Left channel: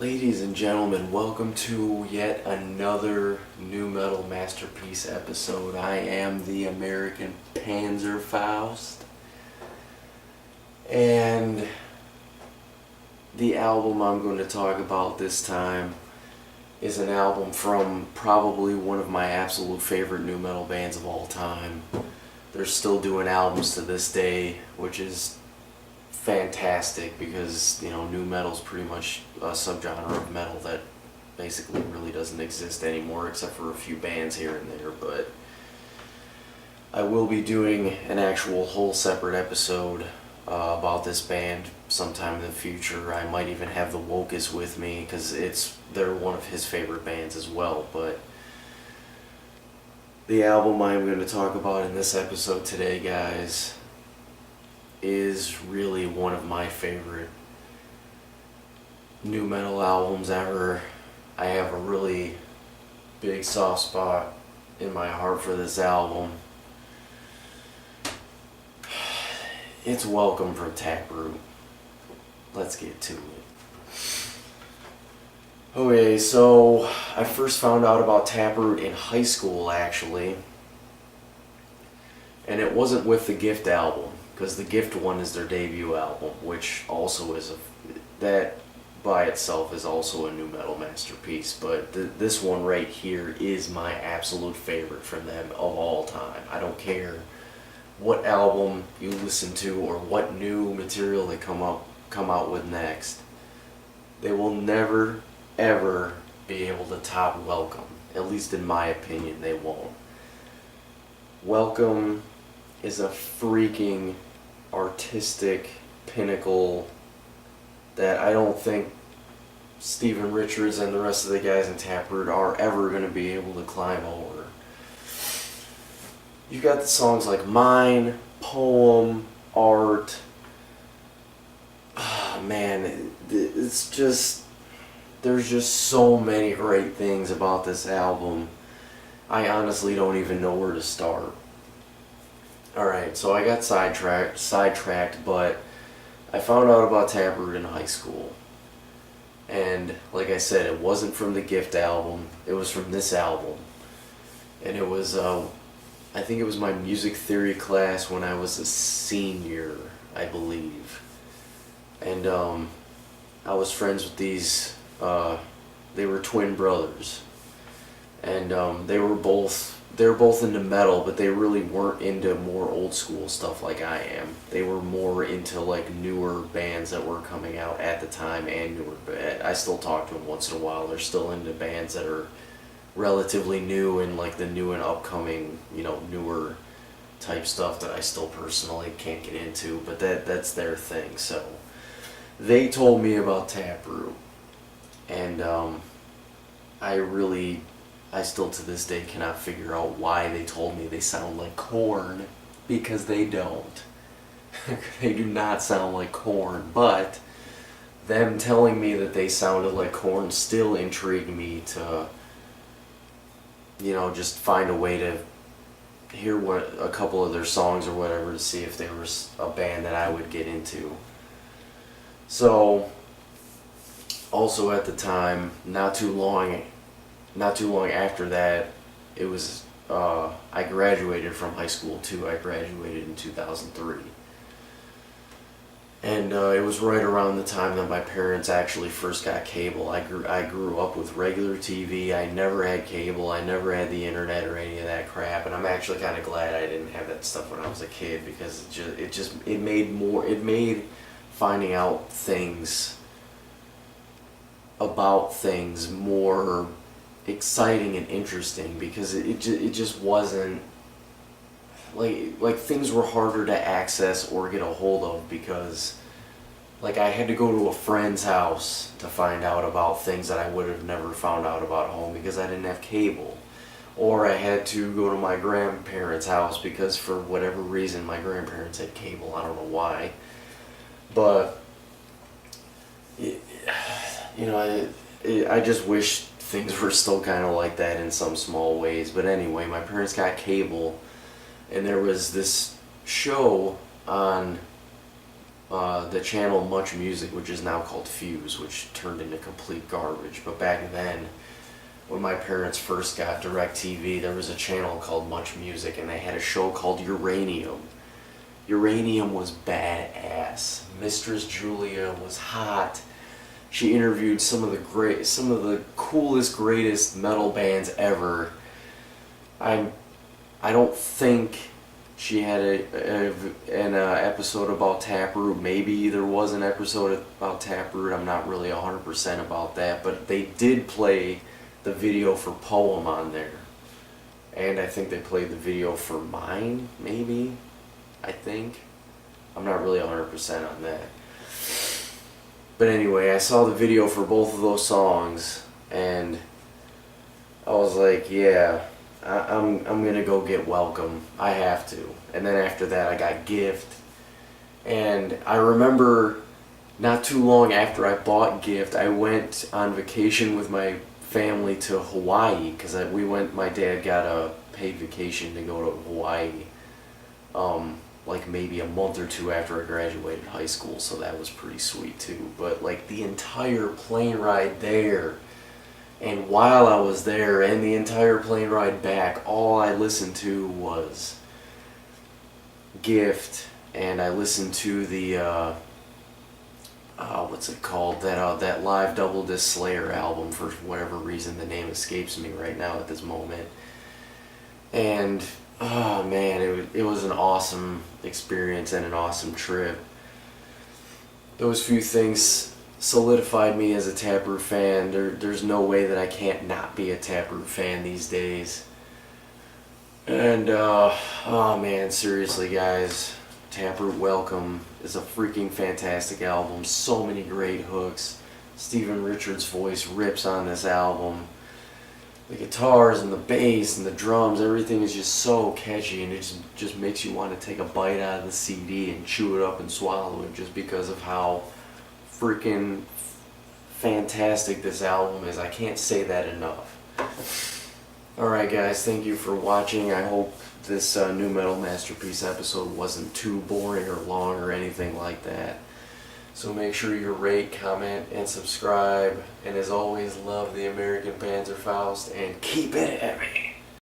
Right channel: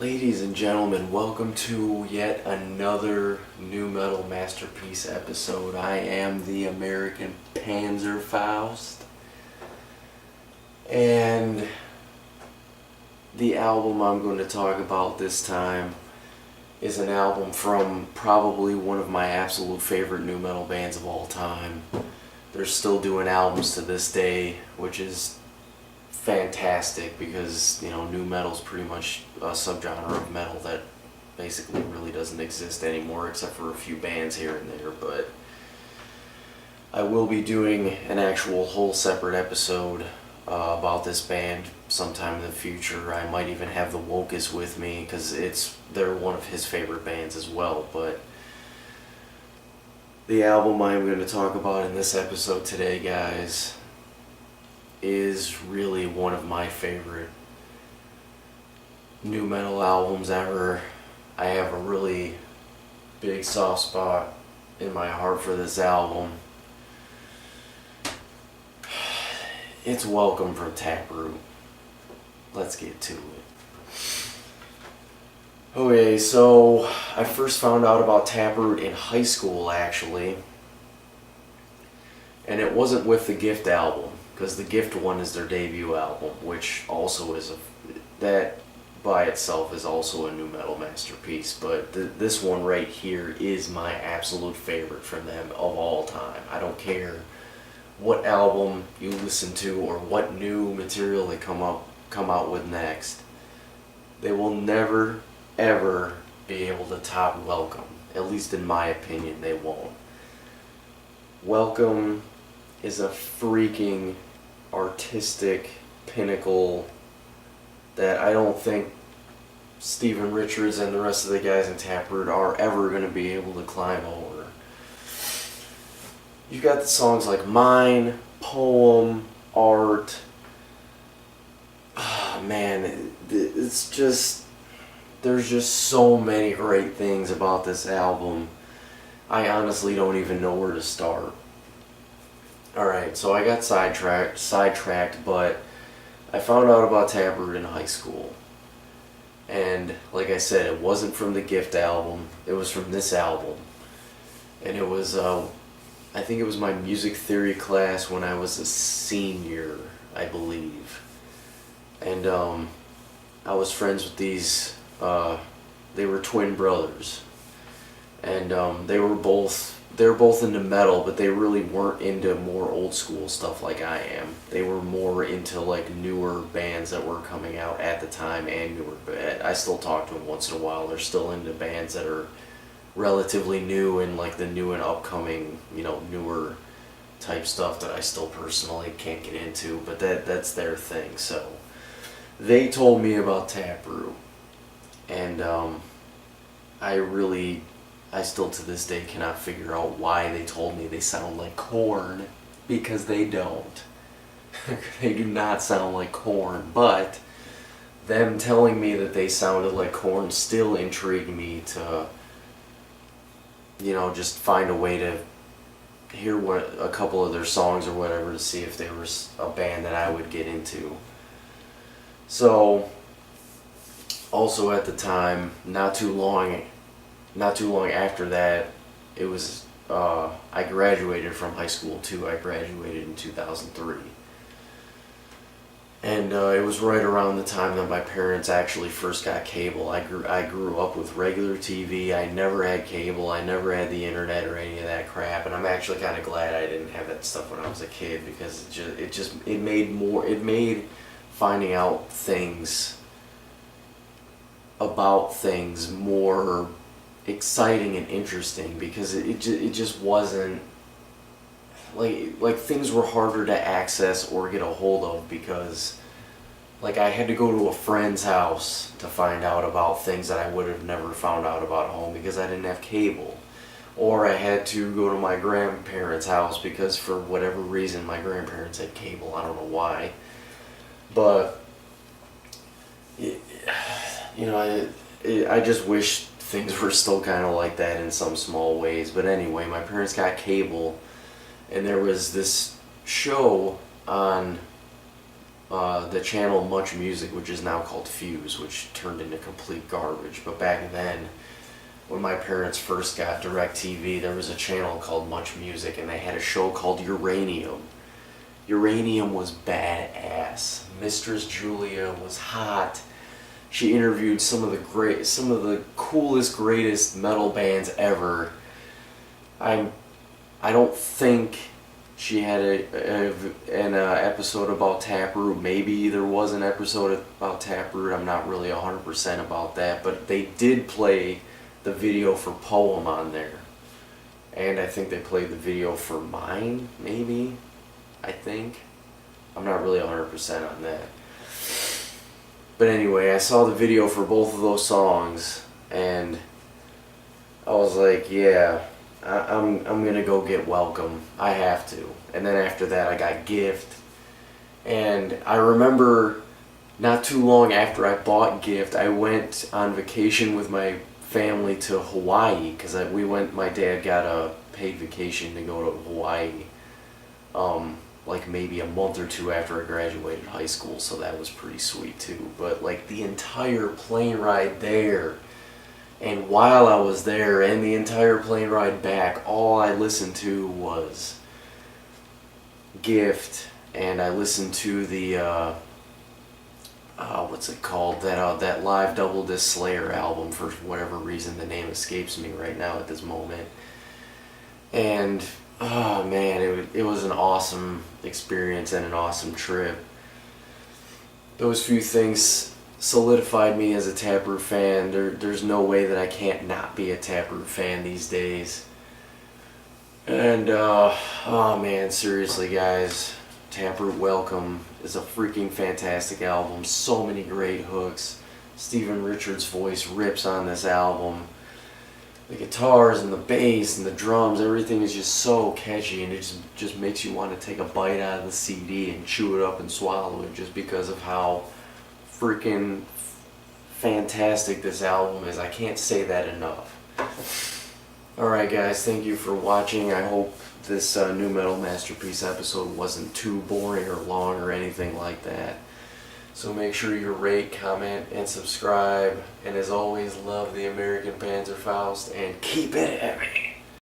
Ladies and gentlemen, welcome to yet another new metal masterpiece episode. I am the American Panzerfaust, and the album I'm going to talk about this time is an album from probably one of my absolute favorite new metal bands of all time. They're still doing albums to this day, which is fantastic because, new metal's pretty much a subgenre of metal that basically really doesn't exist anymore except for a few bands here and there. But I will be doing an actual whole separate episode about this band sometime in the future. I might even have the Wokest with me because they're one of his favorite bands as well. But the album I'm going to talk about in this episode today, guys, is really one of my favorite new metal albums ever. I have a really big soft spot in my heart for this album. It's Welcome from Taproot. Let's get to it. Okay, so I first found out about Taproot in high school, actually. And it wasn't with the Gift album, because the Gift one is their debut album, which also is that by itself is also a new metal masterpiece. But this one right here is my absolute favorite from them of all time. I don't care what album you listen to or what new material they come out with next. They will never ever be able to top Welcome. At least in my opinion, they won't. Welcome is a freaking artistic pinnacle that I don't think Steven Richards and the rest of the guys in Taproot are ever going to be able to climb over. You've got the songs like Mine, Poem, Art. Oh, man, it's just, there's just so many great things about this album. I honestly don't even know where to start. Alright, so I got sidetracked, but I found out about Taproot in high school. And like I said, it wasn't from the Gift album, it was from this album. And it was, I think it was my music theory class when I was a senior, I believe. And I was friends with these, they were twin brothers. And they were both into metal, but they really weren't into more old school stuff like I am. They were more into like newer bands that were coming out at the time, and I still talk to them once in a while. They're still into bands that are relatively new and like the new and upcoming, newer type stuff that I still personally can't get into, but that's their thing. So they told me about Taproot, and I still to this day cannot figure out why they told me they sound like Korn, because they don't. They do not sound like Korn, but them telling me that they sounded like Korn still intrigued me to, just find a way to hear a couple of their songs or whatever to see if there was a band that I would get into. So, also at the time, not too long after that, it was, I graduated from high school too. I graduated in 2003. And it was right around the time that my parents actually first got cable. I grew up with regular TV. I never had cable. I never had the internet or any of that crap. And I'm actually kind of glad I didn't have that stuff when I was a kid, because it made finding out things about things more exciting and interesting, because it just wasn't like things were harder to access or get a hold of, because like I had to go to a friend's house to find out about things that I would have never found out about at home because I didn't have cable, or I had to go to my grandparents' house because for whatever reason my grandparents had cable. I don't know why, but I just wish things were still kind of like that in some small ways. But anyway, my parents got cable, and there was this show on the channel Much Music, which is now called Fuse, which turned into complete garbage. But back then, when my parents first got DirecTV, there was a channel called Much Music, and they had a show called Uranium. Uranium was badass. Mistress Julia was hot. She interviewed some of the coolest, greatest metal bands ever. I don't think she had an episode about Taproot. Maybe there was an episode about Taproot. I'm not really 100% about that, but they did play the video for Poem on there, and I think they played the video for Mine. Maybe, I think. I'm not really 100% on that. But anyway, I saw the video for both of those songs, and I was like, yeah, I'm gonna go get Welcome. I have to. And then after that, I got Gift. And I remember not too long after I bought Gift, I went on vacation with my family to Hawaii, because my dad got a paid vacation to go to Hawaii. Like maybe a month or two after I graduated high school, so that was pretty sweet too. But like the entire plane ride there, and while I was there, and the entire plane ride back, all I listened to was Gift, and I listened to the what's it called, that live double disc Slayer album. For whatever reason, the name escapes me right now at this moment. And oh man, it was an awesome experience and an awesome trip. Those few things solidified me as a Taproot fan. There's no way that I can't not be a Taproot fan these days. And oh man, seriously guys, Taproot Welcome is a freaking fantastic album. So many great hooks. Stephen Richards' voice rips on this album. The guitars and the bass and the drums, everything is just so catchy, and it just makes you want to take a bite out of the CD and chew it up and swallow it, just because of how freaking fantastic this album is. I can't say that enough. Alright guys, thank you for watching. I hope this New Metal Masterpiece episode wasn't too boring or long or anything like that. So make sure you rate, comment, and subscribe. And as always, love the American Panzerfaust and keep it heavy.